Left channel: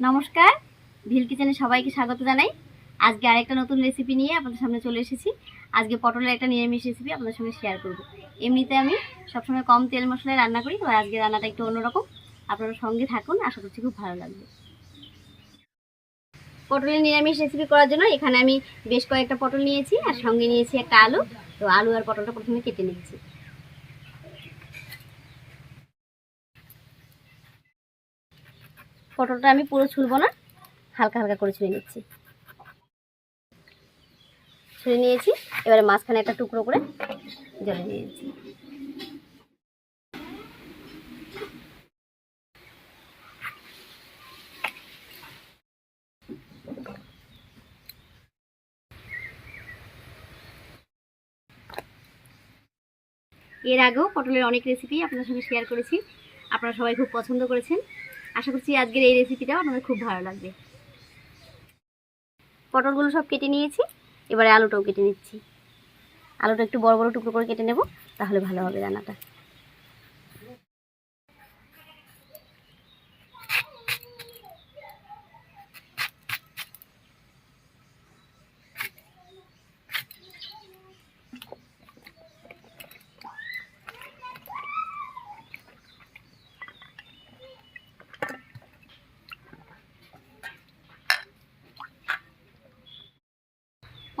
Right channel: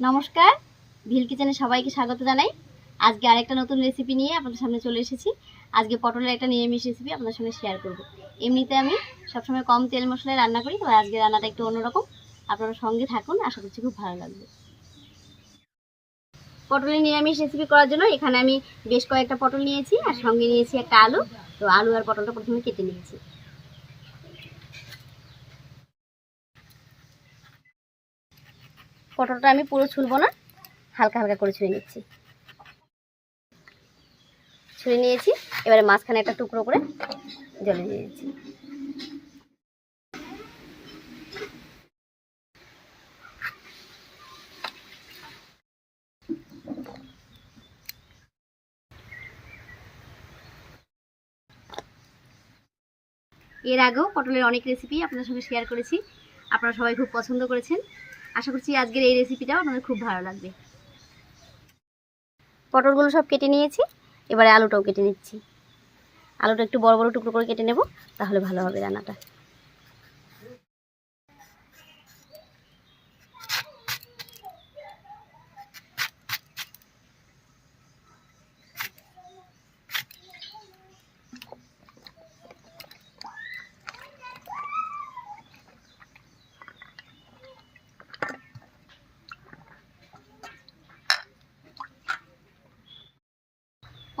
নমস্কার, ভিল কিচেনে সবাইকে স্বাগত জানাই। আজকে আরেকটা নতুন রেসিপি নিয়ে আপনাদের সামনে চলে এসেছি। আজকে পটলের একটা নিরামিষ রেসিপি আপনাদের সঙ্গে শেয়ার করব। এমনিতে আমি সবসময় কম তেল মশলায় রান্না করি তো আজকে রান্নাটা একটু অন্যরকম। আপনারা সঙ্গে থাকুন, আশা করছি খুব ভালো লাগবে। পটলের নিরামিষ রেসিপি করার জন্য এখানে আমি বেশ কয়েকটা পটল নিয়েছি, আর সঙ্গে নিয়েছি একটা আলু। তো আলু আর পটলটা প্রথমে কেটে নিচ্ছি। পটলটা আমি পুরো ছুলবো না, হালকা হালকা করে ছুঁয়ে নিচ্ছি। ছুঁয়ে নিয়েছি, এবারে মাঝখানে একটা টুকরো করে জলে নিয়েছি এর আগেও পটলের অনেক রেসিপি আপনার সঙ্গে শেয়ার করেছি। আপনারা সবাই খুব পছন্দ করেছেন। আশা করছি আজকের এই রেসিপিটাও আপনাদের খুব ভালো লাগবে। পটলগুলো সব কেটে নিয়েছি, এবারে আলুটাও কেটে নিচ্ছি। আলুটা একটু বড় বড় টুকরো করে কেটে নেব, তাহলে ভালো হবে রান্নাটা।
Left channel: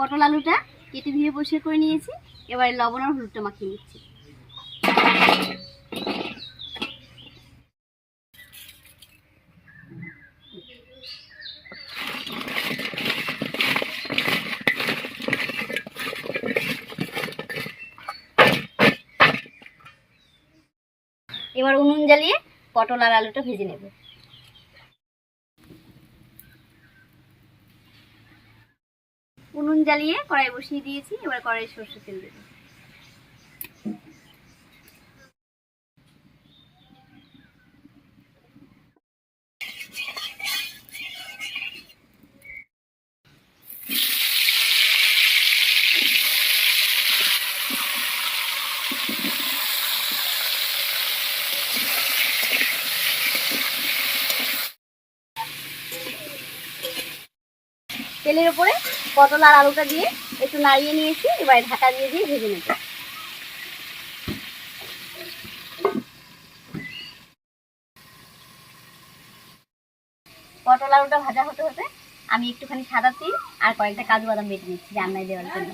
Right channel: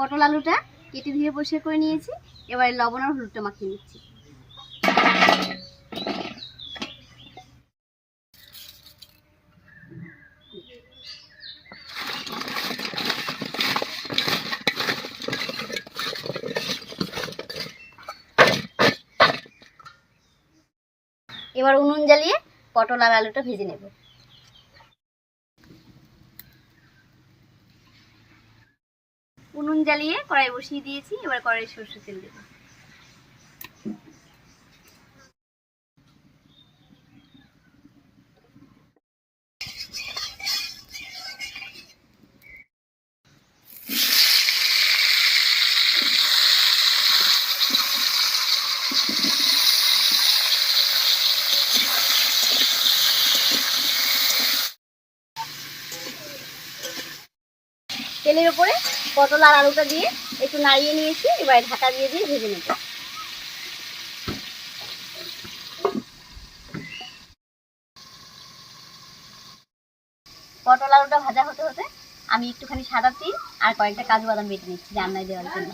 পটল আলুটা কেটে ধুয়ে পরিষ্কার করে নিয়েছি। এবারে লবণ আর হলুদটা মাখিয়ে নিচ্ছি। এবার উনুন জ্বালিয়ে পটল আর আলুটা ভেজে নেব। উনুন জ্বালিয়ে কড়াই বসিয়ে দিয়েছি এবার কড়াই সর্ষে তেল দেবো। তেলের উপরে পটল আর আলুটা দিয়ে একটু নাড়িয়ে নিয়েছি, এবার ঢাকা দিয়ে দিয়ে ভেজে নেব। পটল আলুটা ভাজা হতে হতে আমি একটুখানি সাদা তিল আর কয়েকটা কাজু বাদাম বেটে নিচ্ছি রান্নায় দেওয়ার জন্য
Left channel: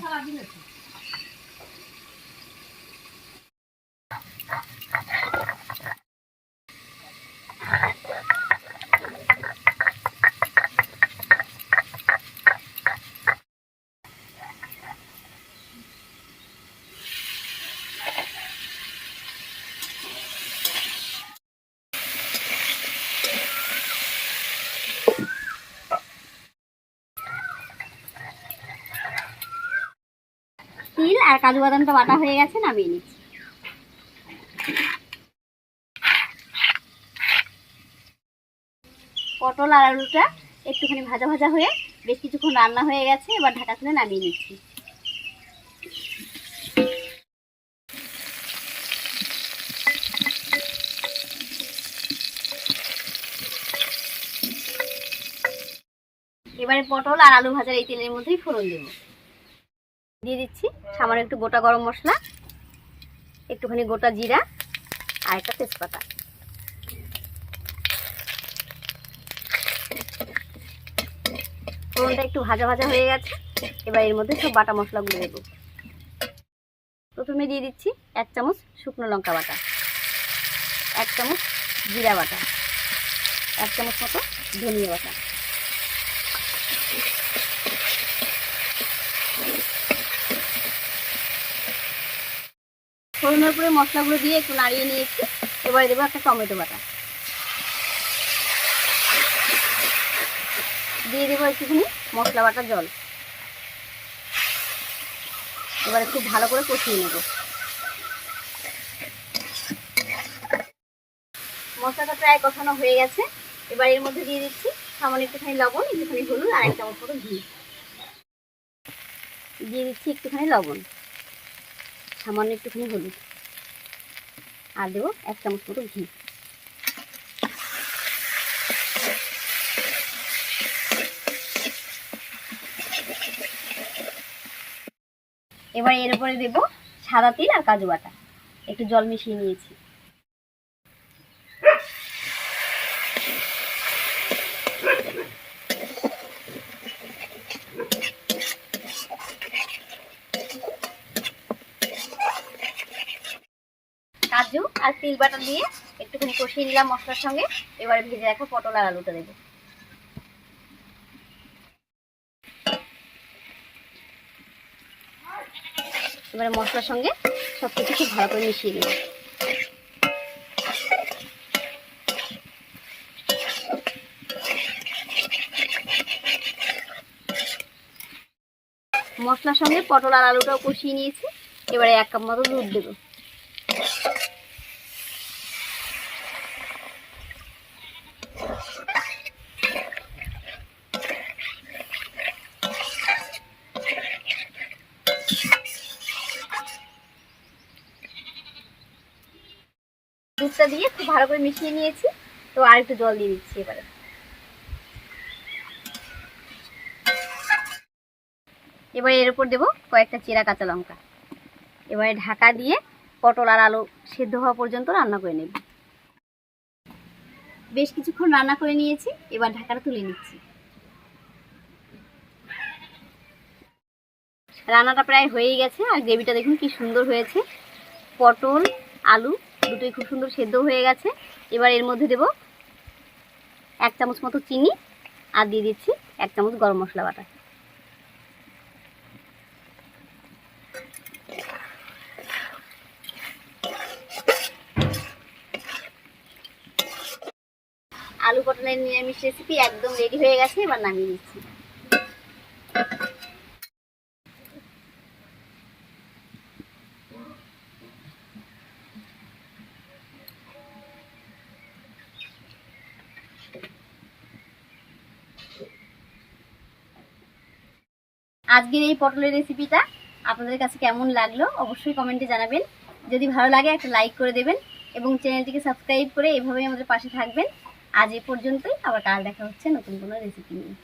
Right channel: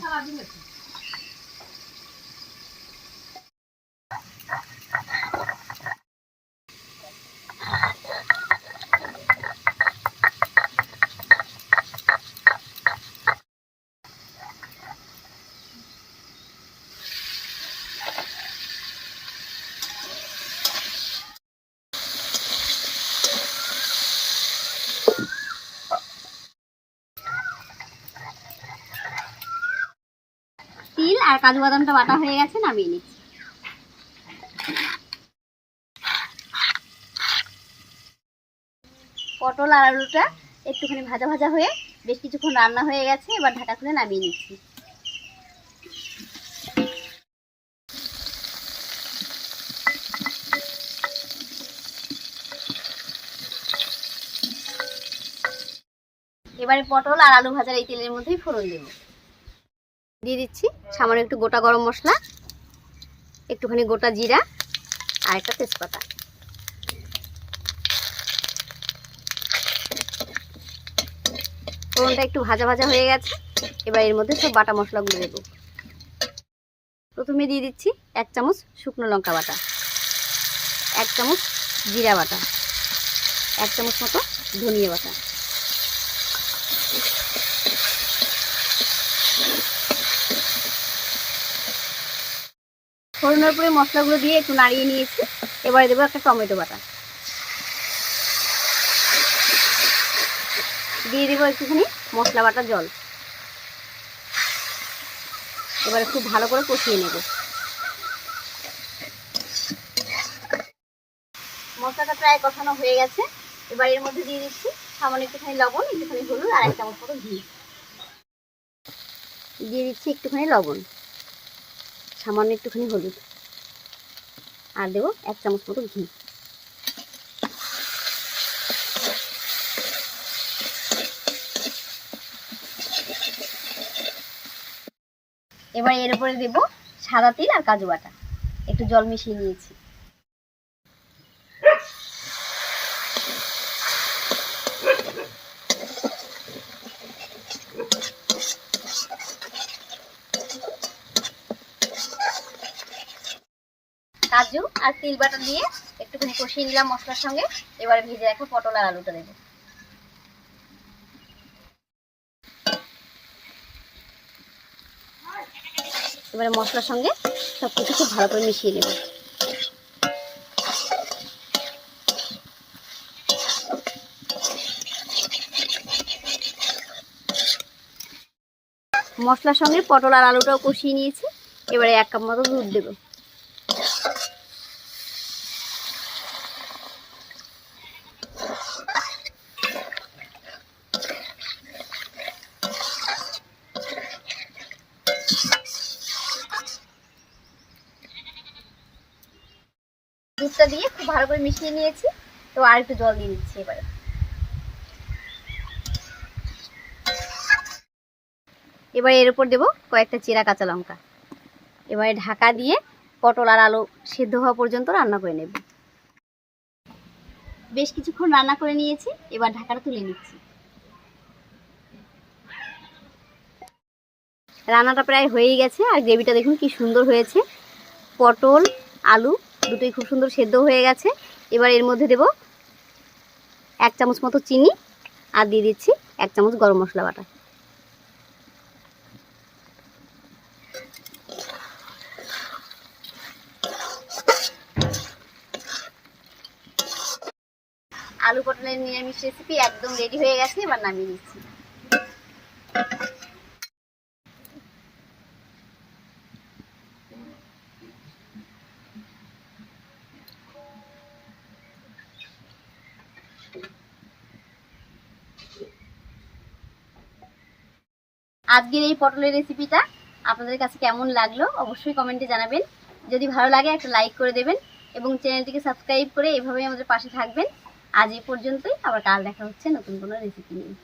তিল আর কাজু বাদামটা বাটা হয়ে গেছে, নামিয়ে নিচ্ছি। পটল আর আলুটা একটুখানি ভাজা ভাজা হয়ে বেশ কিছুক্ষণ রান্না হয়ে গেছে, এবার ঢাকা খুলে নামিয়ে নিচ্ছি। এবারে পটল আর আলু ভাজার এই তেলের মধ্যেই ফোড়ন দেব। দিয়ে দিচ্ছি। সামান্য একটু গোটা গরম মশলা, একটুখানি গোটা জিরা আর একটা তেজপাতা। ফোড়নটা একটু ভাজা ভাজা হয়ে গেছে, এবার এর মধ্যে সব বাটা মশলাগুলো দেবো। প্রথমে দিয়ে দিচ্ছি এক চামচ শুকনো লঙ্কা বাটা, এক চামচ জিরা বাটা, এক চামচ মতো ধনিয়া বাটা। ফোড়নের পরে মশলাগুলো দিয়ে একটু নাড়িয়ে নিয়েছি এবারে দেবো একটা টমেটো বাটা। দিয়ে দেবো একটুখানি মশলা বাটার জল। এবারে খুব ভালো করে কষিয়ে নেব। মশলাটা প্রায় কষানো হয়ে গেছে। এবার এর মধ্যে দিয়ে দিচ্ছি সামান্য একটুখানি লবণ, একটুখানি হলুদ আর এক চামচ মতো ঘি। দিয়ে দিচ্ছি একটুখানি লবণ। সামান্য একটুখানি হলুদ। আর দেবো এক চামচ মতো ঘি। এবার এর উপরে দেবো সাদা তিল আর কাজু বাটা। একটু জল মিশিয়ে নিয়েছি। কাজু আর তিল বাটা দিয়ে একটুখানি কষিয়ে নিলাম মশলার সঙ্গে। এবারে ভেজে রাখা পটল আর আলুটা দেবো। এবারে মশলার সঙ্গে সব কিছু খুব ভালো করে মিশিয়ে নেব মশলার সঙ্গে পটল আর আলুটাও কষিয়ে নিয়েছি। এবারে এক কাপ মতো দুধ দেবো। দুধটা দিয়ে খুব ভালো করে মিশিয়ে নিয়েছি। তো আর একটু জল দিয়ে দিচ্ছি এবারে। এবার এর উপর দেবো কয়েকটা চেরা কাঁচা লঙ্কা। এবারে ঢাকা দিয়ে পটল আর আলু সেদ্ধ হওয়া পর্যন্ত রান্না করে নেব। বেশ কিছুক্ষণ রান্না করে নিয়েছি, এবার ঢাকাটা তুলে নিচ্ছি। রান্নাটা প্রায় হয়েই গেছে, আর গ্রেভিটা দেখুন কি সুন্দর হয়েছে। পটল, আলু দুটোই খুব সুন্দর সেদ্ধ হয়ে গেছে। এবার এর মধ্যে দেব এক চামচ মতো চিনি আর দিয়ে দিচ্ছি এক চামচ গরম মশলা বাটা। আলু পটলের নিরামিষ রেসিপি একদম রেডি হয়ে গেছে, এবার নামিয়ে দিচ্ছি আজকের এই পটলের রেসিপিটা আপনাদের কাছে কেমন লাগল অবশ্যই কমেন্টে জানাবেন। যদি ভালো লাগে একটা লাইক করে দেবেন এবং চ্যানেলটিকে সাবস্ক্রাইব করে এভাবেই আমাদের পাশে থাকবেন। আজ এই পর্যন্তই, আবার কাল দেখা হচ্ছে নতুন কোনো রেসিপি নিয়ে।